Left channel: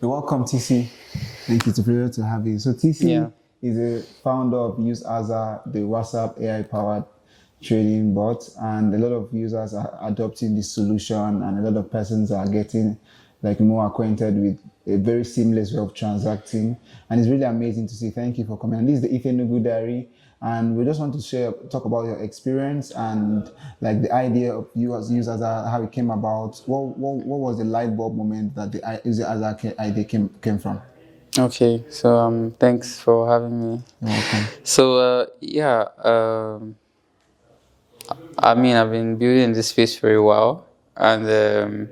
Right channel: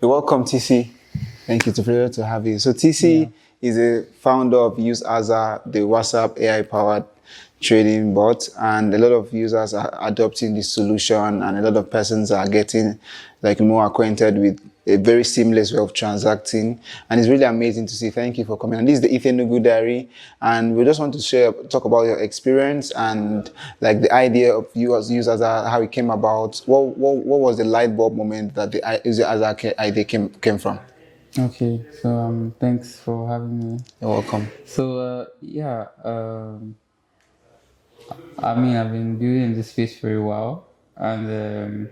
Welcome, TC. Thank you. It's a pleasure to have you. So TC is a founder of Azza, the WhatsApp AI-powered trading bot, and a lot of users are adopting this solution, and a lot of persons are getting more acquainted with a very seamless way of transacting, and it's really amazing to see. Thank you for coming. And this is the Ethan Nugu Diary, and we just want to talk about your experience and the idea of you as users, how it came about. What was the light bulb moment that the user idea came from? Okay, so thanks for having me. You're welcome. So I mean, I've been building this space for a while, and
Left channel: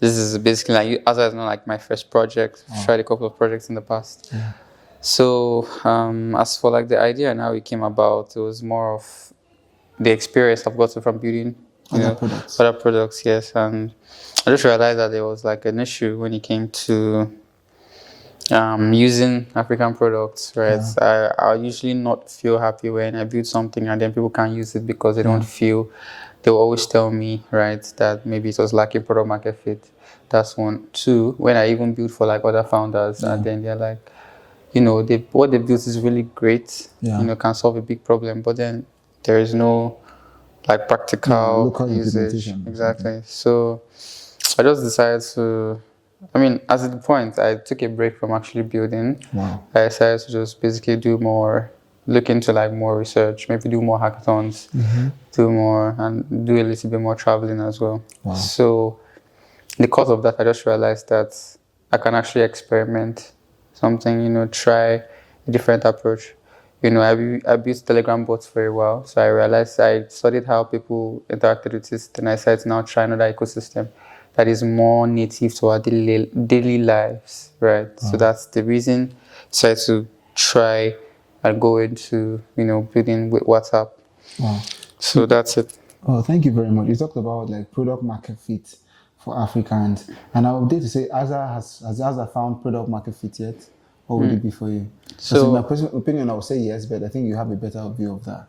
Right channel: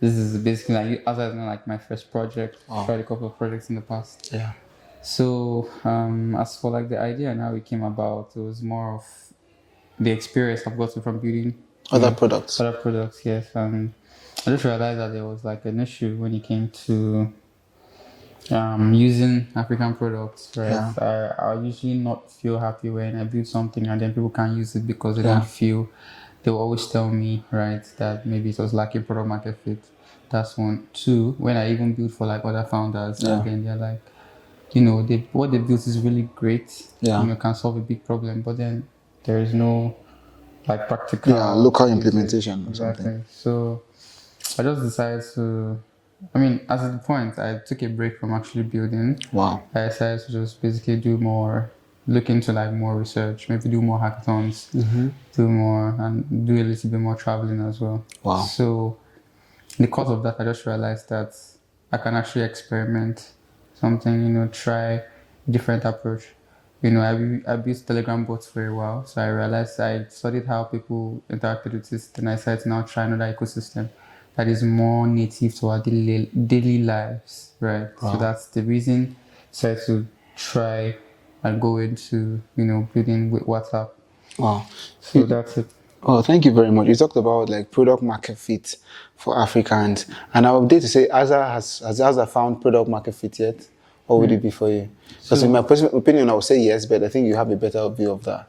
this is basically Azza is not like my first project. I've tried a couple of projects in the past. Yeah. So as for the idea and how it came about, it was more of the experience I've gotten from building other products. Yes, and I just realized that there was an issue when it came to using African products, right? Yeah. I usually not feel happy when I build something and then people can't use it because they don't feel. They will always tell me, right, that maybe it was lacking product market fit. That's one. Two, when I even build for other founders, and then they're like, what they built is really great. Yeah. Can solve a big problem, but then there is no practical local implementation. Exactly. So I just decided to. I mean, as at the point, I took a break from actually building. Wow. I decided to just basically look into more research, maybe do more hackathons, do more, and do a little bit more traveling as well. Wow. So, because of that, I just realized that I can actually experiment something, try a different approach. I built Telegram bots for a while, so I realized I studied how people interacted with it, and I decided to now try another ecosystem that is more native to our daily lives, right? Wow. So that's the reason I decided to try and go into, building with WhatsApp. Wow. So that's it. Oh, thank you very much. You talked about product market fit for Africans, and I would dare to say, has Azza found product market fit yet? Or would it be for you? So in my personal opinion, I would say yes, but I think you have a better view of that.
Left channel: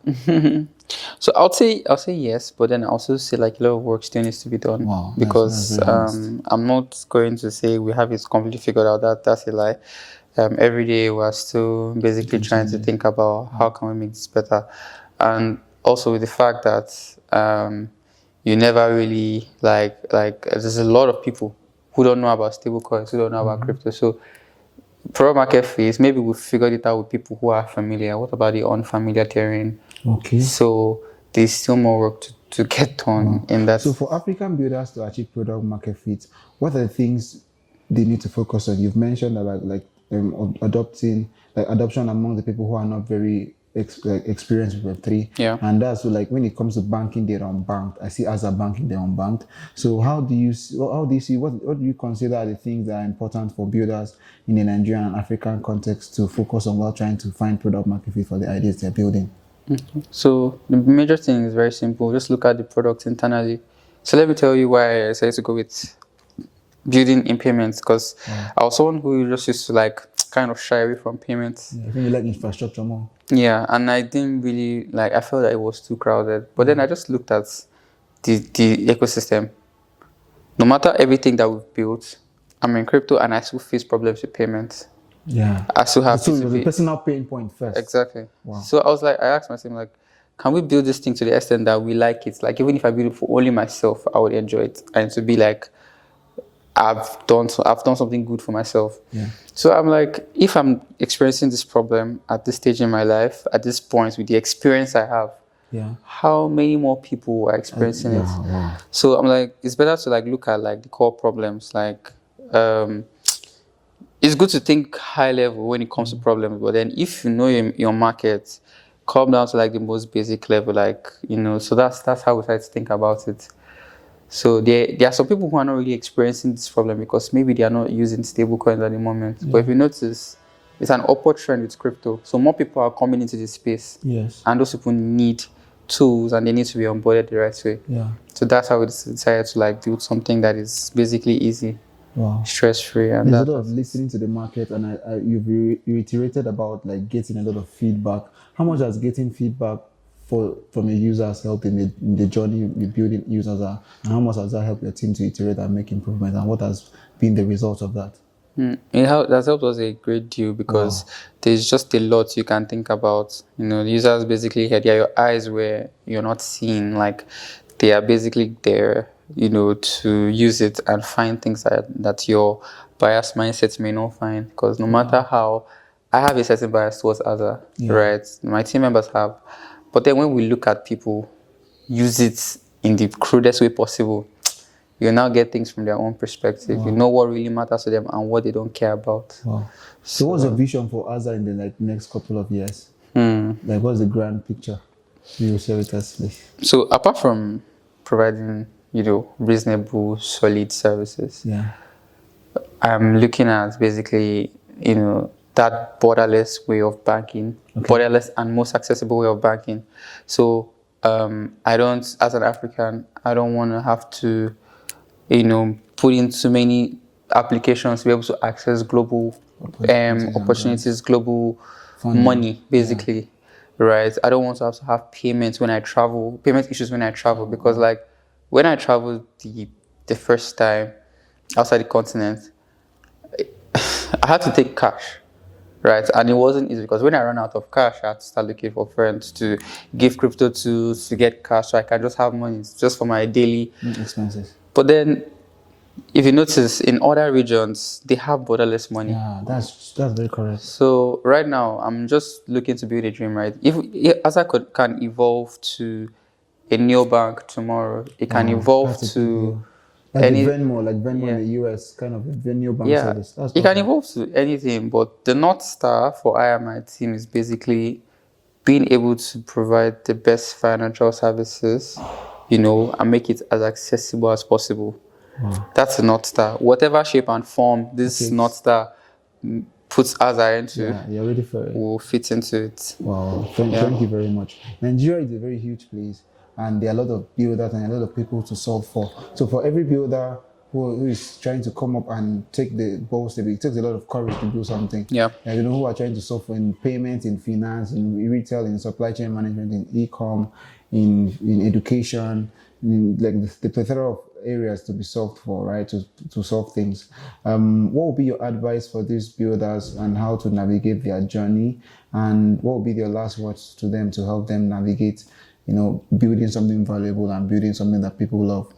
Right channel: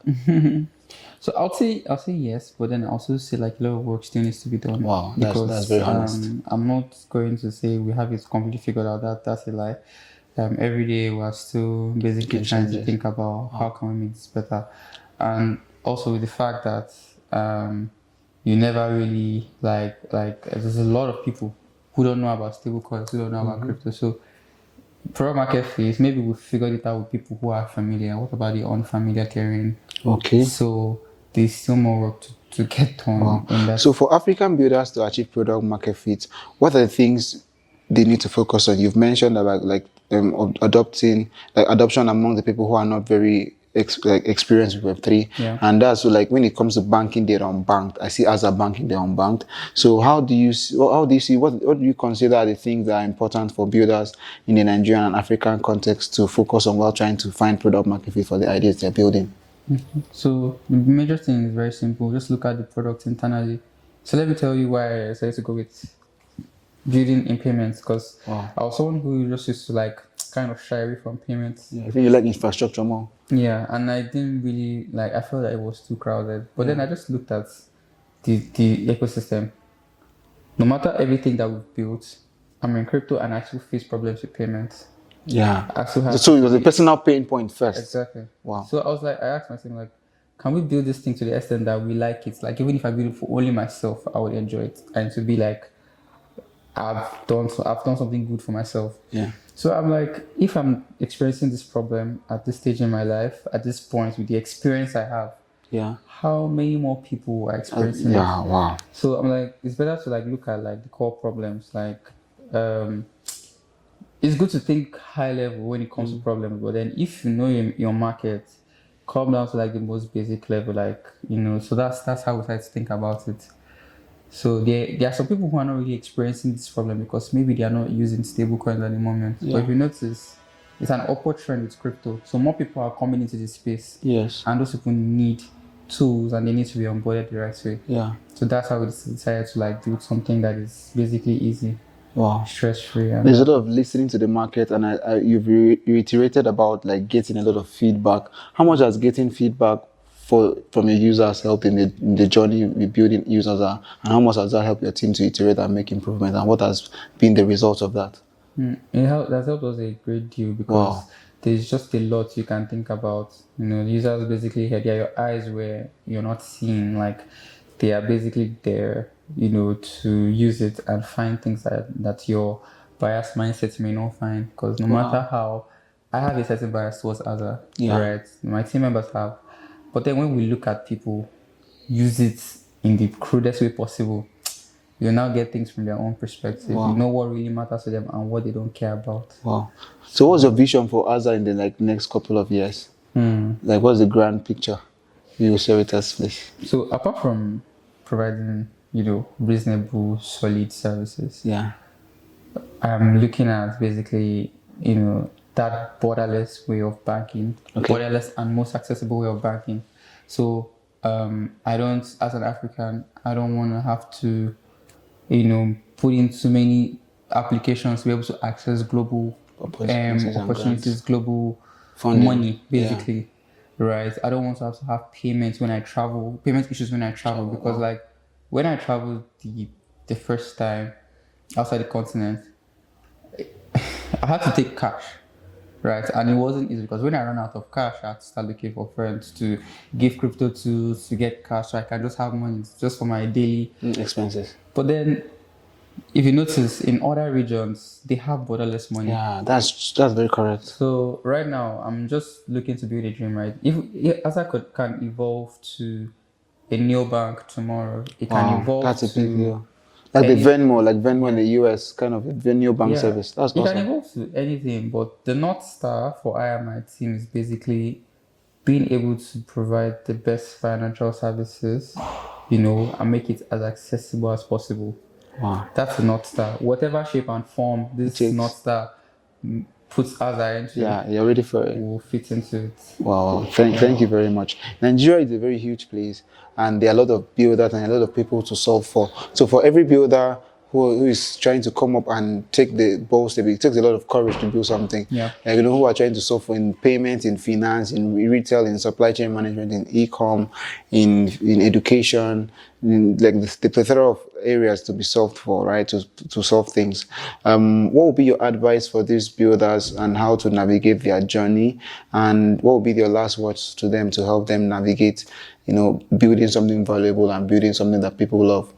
So I'll say yes, but then I also say a lot of work still needs to be done. Wow, because that's very honest. I'm not going to say we have it completely figured out. That's a lie. Every day we're still basically trying to think about how can we make this better, and also with the fact that you never really there's a lot of people who don't know about stablecoins, who don't know about crypto. So product market fit, maybe we figured it out with people who are familiar. What about the unfamiliar terrain? Okay. So there's still more work to get done in that. So for African builders to achieve product market fit, what are the things they need to focus on? You've mentioned about adoption among the people who are not very experienced with Web3. Yeah. And that's when it comes to banking, they're unbanked. I see Azza banking, they're unbanked. So how do you see, what do you consider are the things that are important for builders in the Nigerian and African context to focus on while trying to find product market fit for the ideas they're building? So the major thing is very simple. Just look at the product internally. So let me tell you why I decided to go with building in payments, because I was someone who just used to kind of shy away from payments. Yeah, I think you like infrastructure more. Yeah, and I didn't really I felt that it was too crowded. But then I just looked at the ecosystem. No matter everything that we've built, I'm in crypto and I still face problems with payments. Yeah. I still have so it was a personal pain point first. Exactly. Wow. So I asked myself, can we build this thing to the extent that we like it? Even if I build it for only myself, I would enjoy it. And to be I've done something good for myself. Yeah. So I'm if I'm experiencing this problem at this stage in my life, at this point with the experience I have, how many more people are experiencing it? Wow. So I'm it's better to look at the core problems. It's good to think high level when it comes to problems, but then if you know your market, come down to the most basic level, so that's how we try to think about it. So there are some people who are not really experiencing this problem because maybe they are not using stablecoins at the moment. But if you notice, it's an upward trend with crypto. So more people are coming into this space. Yes. And those people need tools and they need to be onboarded the right way. Yeah. So that's how we decided to build something that is basically easy. Wow. Stress-free. And there's a lot of listening to the market, and you've reiterated about getting a lot of feedback. How much has getting feedback from your users help in the journey with building use Azza, and how much has that helped your team to iterate and make improvements, and what has been the result of that? That helped us a great deal because there's just a lot you can think about. Users basically had your eyes where you're not seeing, like they are basically there, to use it and find things that your biased mindset may not find. Because no matter how, I have a certain bias towards Azza, right? My team members have. But then when we look at people use it in the crudest way possible, you now get things from their own perspective. You know what really matters to them and what they don't care about. Wow. So what's your vision for Azza in the next couple of years? Like, what's the grand picture? You will share with us, please. So apart from providing, reasonable, solid services, I'm looking at basically, that borderless way of banking, borderless and most accessible way of banking. So as an African, I don't want to have to put in too many applications to be able to access global opportunities, global money, basically, right? I don't want to have payments when I travel, payment issues when I travel, because like when I traveled the first time outside the continent, I had to take cash, right? And it wasn't easy because when I ran out of cash, I had to start looking for friends to give crypto to get cash so I can just have money just for my daily expenses. But then, if you notice, in other regions, they have borderless money. Yeah, that's very correct. So right now, I'm just looking to build a dream, right? If Azza can evolve to a Neobank tomorrow, it can evolve to like Venmo in the US, kind of a Neobank service. That's awesome. It can evolve to anything, but the North Star for I and my team is basically being able to provide the best financial services, and make it as accessible as possible. Wow. That's the North Star. Whatever shape and form this North Star puts Azza into, you're ready for it. Will fit into it. Wow. Thank you very much. Nigeria is a very huge place, and there are a lot of builders and a lot of people to solve for. So for every builder who is trying to come up and take the bold step, it takes a lot of courage to build something. Yeah. Like, who are trying to solve for in payments, in finance, in retail, in supply chain management, in e-com, in education, like the plethora of areas to be solved for, right? To solve things. What would be your advice for these builders and how to navigate their journey? And what would be your last words to them to help them navigate, building something valuable and building something that people love?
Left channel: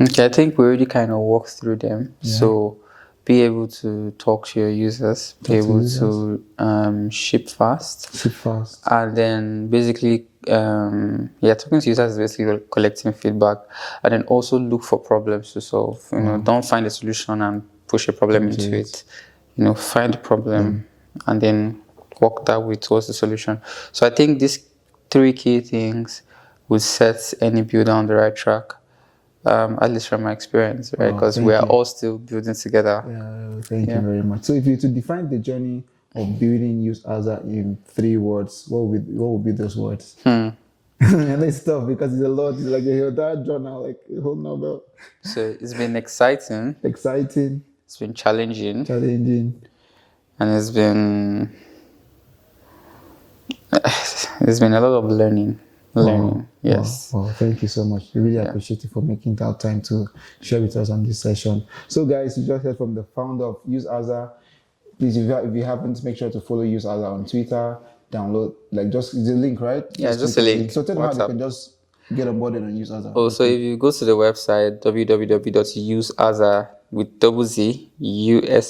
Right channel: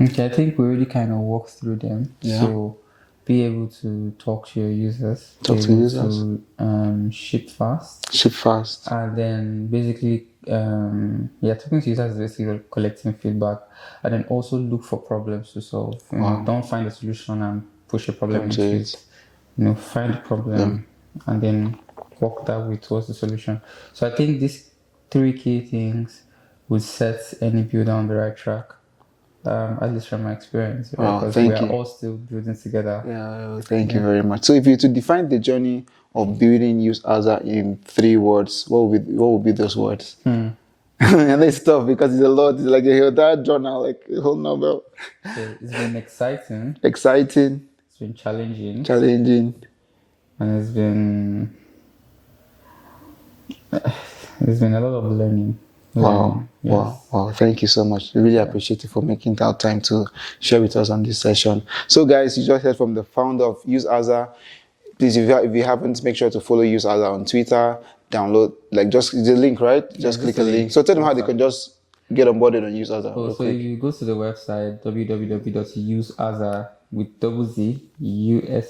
Okay, I think we already kind of walked through them. Yeah. So be able to talk to your users, be able to ship fast. And then basically, talking to users is basically collecting feedback, and then also look for problems to solve. Don't find a solution and push a problem into it. Find the problem and then work that way towards the solution. So I think these 3 key things would set any builder on the right track. At least from my experience, right? Because we are all still building together. Yeah, thank you very much. So if you were to define the journey of building use Azza in 3 words, what would be those words? And it's tough because it's a lot. It's like a whole journal, like a whole novel. So it's been exciting. It's been challenging. And it's been a lot of learning. Wow. Yes. Wow. Thank you so much. We really appreciate you for making that time to share with us on this session. So guys, you just heard from the founder of Use Azza. Please, if you haven't, make sure to follow Use Azza on Twitter. Download, just the link, right? Just click the link. So tell them how they can just get onboarded on Use Azza. So if you go to the website, www.useazza with double Z, USAZZA.com.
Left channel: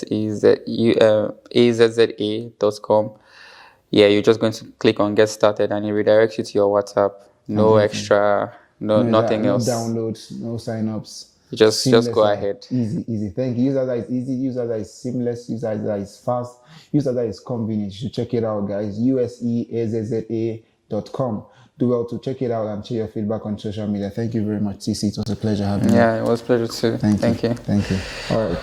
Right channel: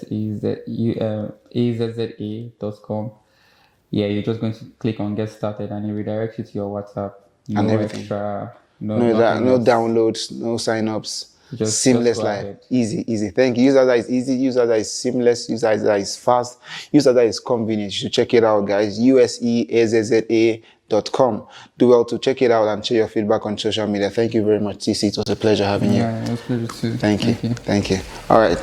Yeah, you're just going to click on get started and it redirects you to your WhatsApp. No extra, nothing else. No downloads, no signups. Just seamless go ahead. Easy. Thank you. Use Azza is easy. Use Azza is seamless. Use Azza is fast. Use Azza is convenient. You should check it out, guys. USEAZZA.com. Do well to check it out and share your feedback on social media. Thank you very much, TC. It was a pleasure having you. Yeah, it was a pleasure too. Thank you. All right.